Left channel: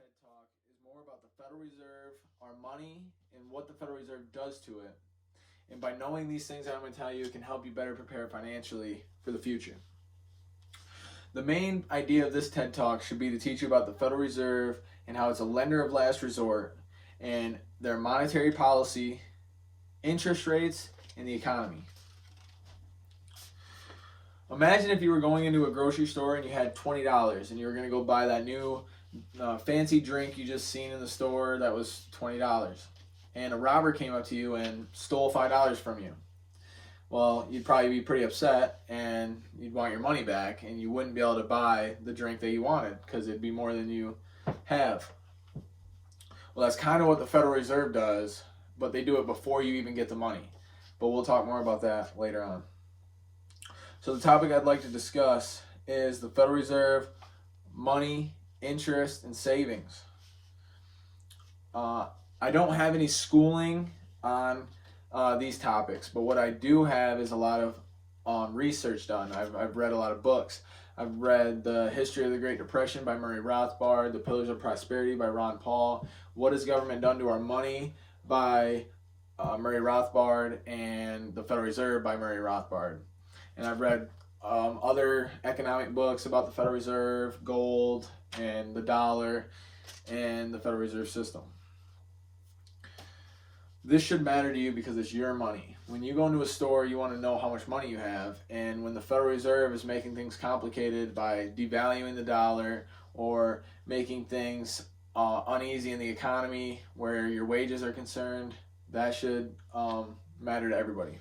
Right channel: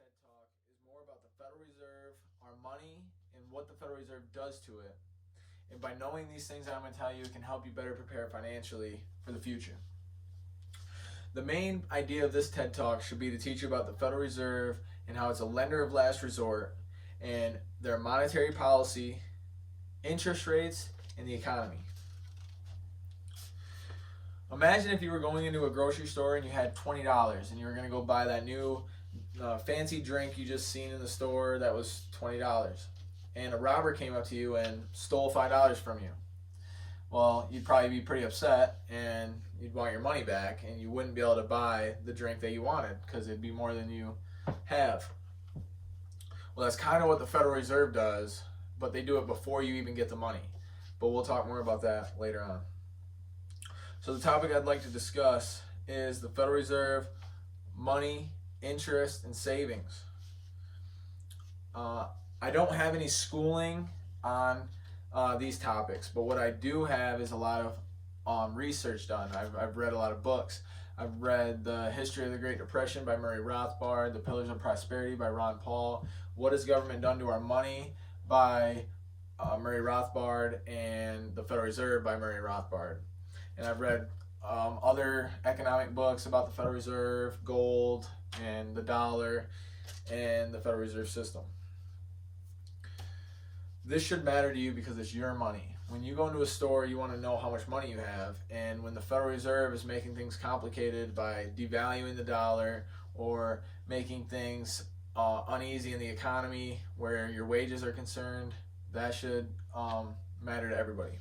TED Talk is more about the Federal Reserve, our money, and what the Federal Reserve does to it. And by knowing these things that I'm going to tell you, it can help you better prepare financially for the future. The main idea of this TED Talk should be to teach you about the Federal Reserve and how it's a lender of last resort and their monetary policy, interest rates, and the economy. Imagine if you were going into a grocery store and you had $20 and you were going to go buy that new fancy drink you just seen in the store that was $20. And a robber came up to you and stole $5 from you. Well, you'd probably be pretty upset and you'd want your money back and you wouldn't be able to buy the drink that you wanted because it'd be more than you have. Well, that's kind of what the Federal Reserve does, but they do it before you even get the money. But we'll talk more about that later on. So the topic I'd like to discuss is the Federal Reserve, money, interest, and savings. I don't have any schooling on these topics, but what I do have is a lot of research done. I've read a lot of books. I've read The History of the Great Depression by Murray Rothbard, The Pillars of Prosperity by Ron Paul, What Has Government Done to Our Money by Murray Rothbard, and The Federal Reserve by Murray Rothbard. And I've read other economic books about the Federal Reserve, gold, and the dollar, and the Federal Reserve System. This should matter to you because it's your money. When you go into a store, you want to know how much money you have. And when the Federal Reserve is making things complicated by devaluing the dollar or making things uneasy in the economy where your wages are concerned, that should matter to everybody.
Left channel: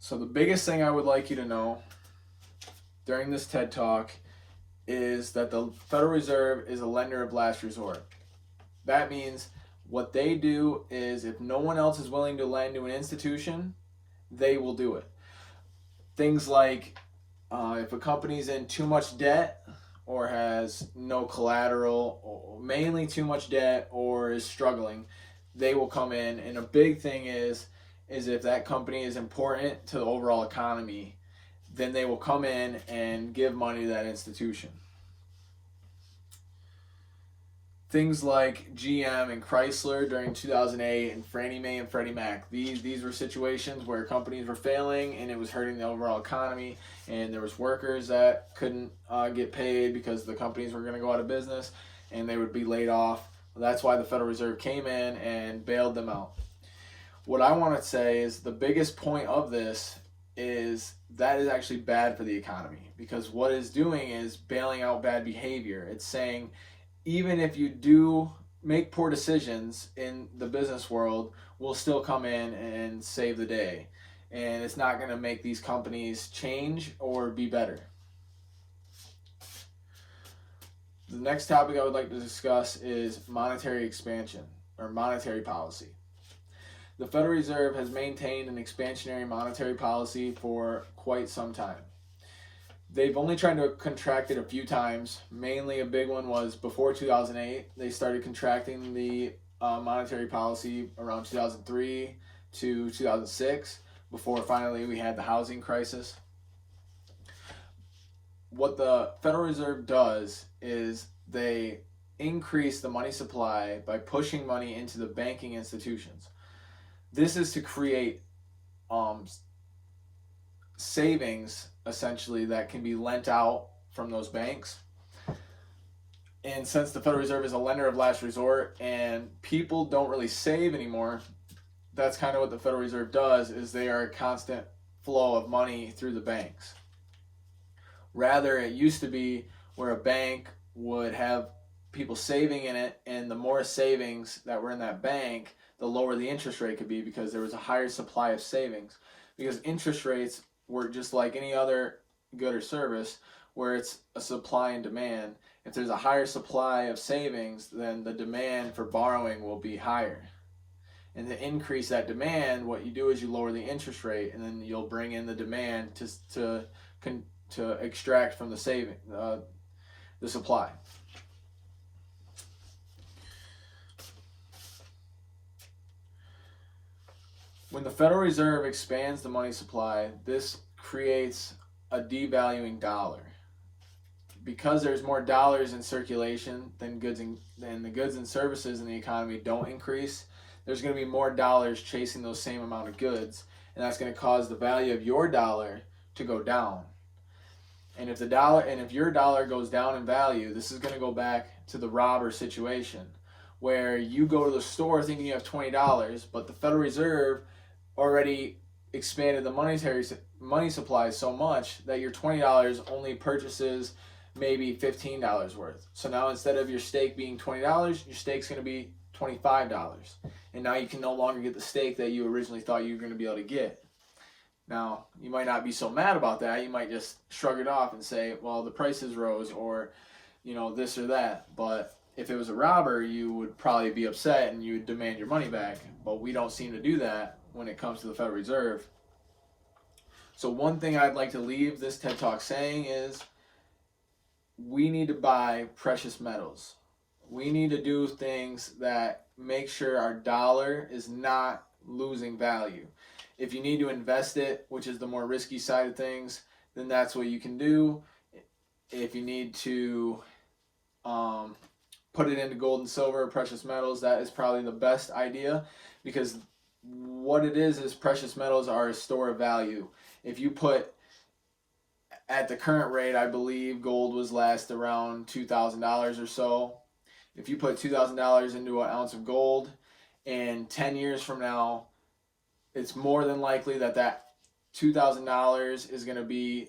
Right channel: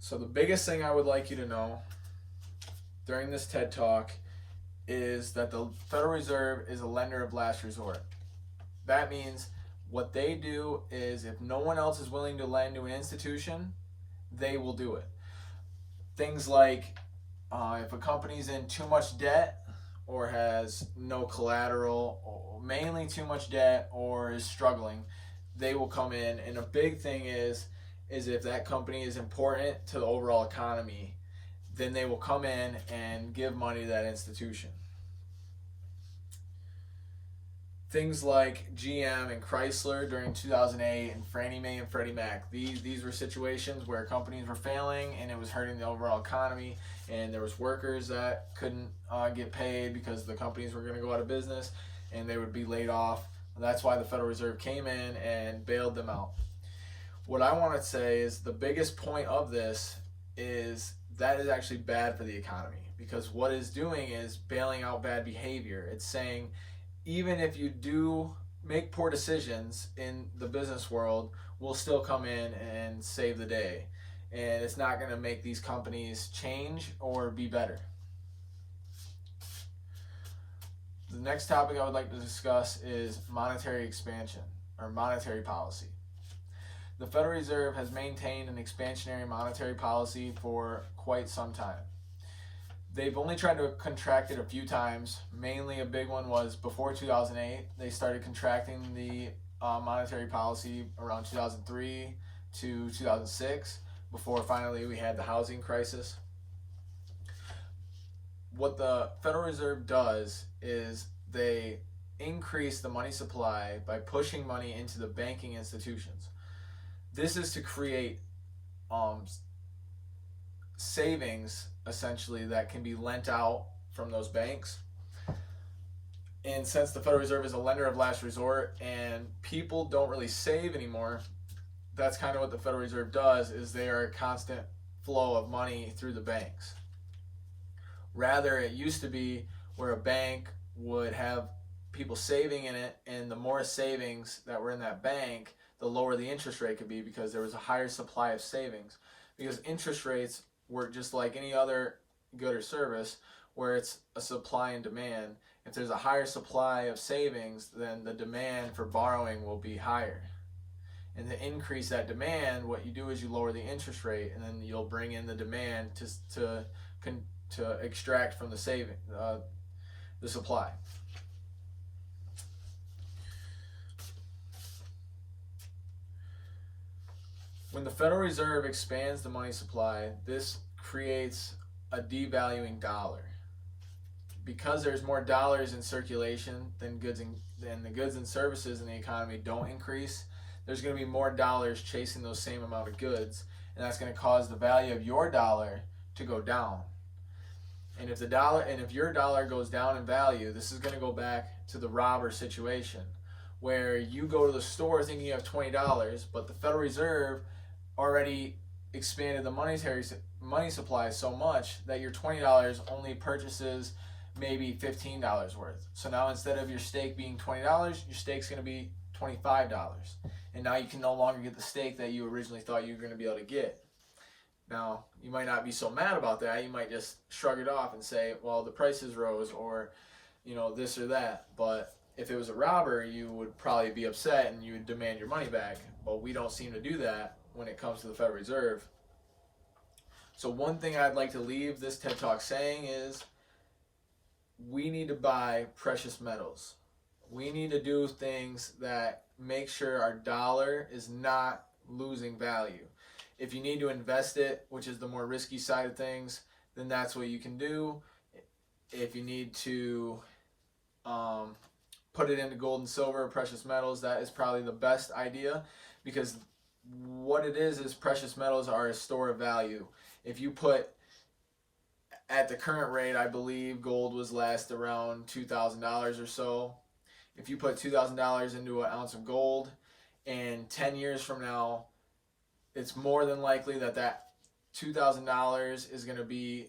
So the biggest thing I would like you to know during this TED Talk is that the Federal Reserve is a lender of last resort. That means what they do is if no one else is willing to lend to an institution, they will do it. Things like if a company's in too much debt or has no collateral, or mainly too much debt, or is struggling, they will come in. And a big thing is if that company is important to the overall economy, then they will come in and give money to that institution. Things like GM and Chrysler during 2008 and Fannie Mae and Freddie Mac, these were situations where companies were failing and it was hurting the overall economy, and there was workers that couldn't get paid because the companies were going to go out of business and they would be laid off. That's why the Federal Reserve came in and bailed them out. What I want to say is the biggest point of this is that is actually bad for the economy, because what it's doing is bailing out bad behavior. It's saying even if you do make poor decisions in the business world, we'll still come in and save the day. And it's not going to make these companies change or be better. The next topic I would like to discuss is monetary expansion or monetary policy. The Federal Reserve has maintained an expansionary monetary policy for quite some time. They've only tried to contract it a few times. Mainly a big one was before 2008. They started contracting the monetary policy around 2003 to 2006, before finally we had the housing crisis. What the Federal Reserve does is they increase the money supply by pushing money into the banking institutions. This is to create savings, essentially, that can be lent out from those banks. And since the Federal Reserve is a lender of last resort and people don't really save anymore, that's kind of what the Federal Reserve does, is they are a constant flow of money through the banks. Rather, it used to be where a bank would have people saving in it, and the more savings that were in that bank, the lower the interest rate could be, because there was a higher supply of savings. Because interest rates were just like any other good or service, where it's a supply and demand. If there's a higher supply of savings, then the demand for borrowing will be higher. And to increase that demand, what you do is you lower the interest rate, and then you'll bring in the demand to extract from the supply. When the Federal Reserve expands the money supply, this creates a devaluing dollar. Because there's more dollars in circulation than the goods and services in the economy don't increase, there's going to be more dollars chasing those same amount of goods, and that's going to cause the value of your dollar to go down. And if your dollar goes down in value, this is going to go back to the robber situation, where you go to the store thinking you have $20, but the Federal Reserve already expanded the money supply so much that your $20 only purchases maybe $15 worth. So now instead of your steak being $20, your steak's going to be $25. And now you can no longer get the steak that you originally thought you were going to be able to get. Now, you might not be so mad about that. You might just shrug it off and say, well, the prices rose, or, this or that. But if it was a robber, you would probably be upset and you would demand your money back. But we don't seem to do that when it comes to the Federal Reserve. So one thing I'd like to leave this TED Talk saying is, we need to buy precious metals. We need to do things that make sure our dollar is not losing value. If you need to invest it, which is the more risky side of things, then that's what you can do. If you need to put it into gold and silver, precious metals, that is probably the best idea, because what it is precious metals are a store of value. If you put, at the current rate, I believe gold was last around $2,000 or so. If you put $2,000 into an ounce of gold, and 10 years from now, it's more than likely that $2,000 is going to be,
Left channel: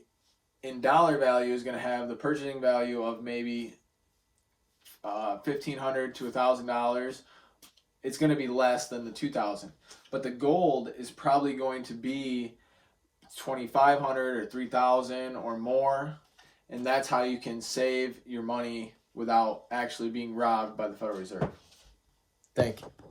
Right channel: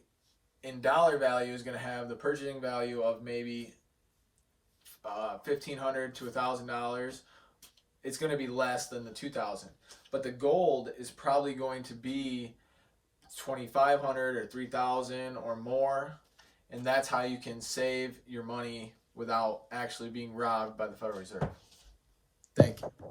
in dollar value, is going to have the purchasing value of maybe $1,500 to $1,000. It's going to be less than the $2,000. But the gold is probably going to be $2,500 or $3,000 or more, and that's how you can save your money without actually being robbed by the Federal Reserve. Thank you.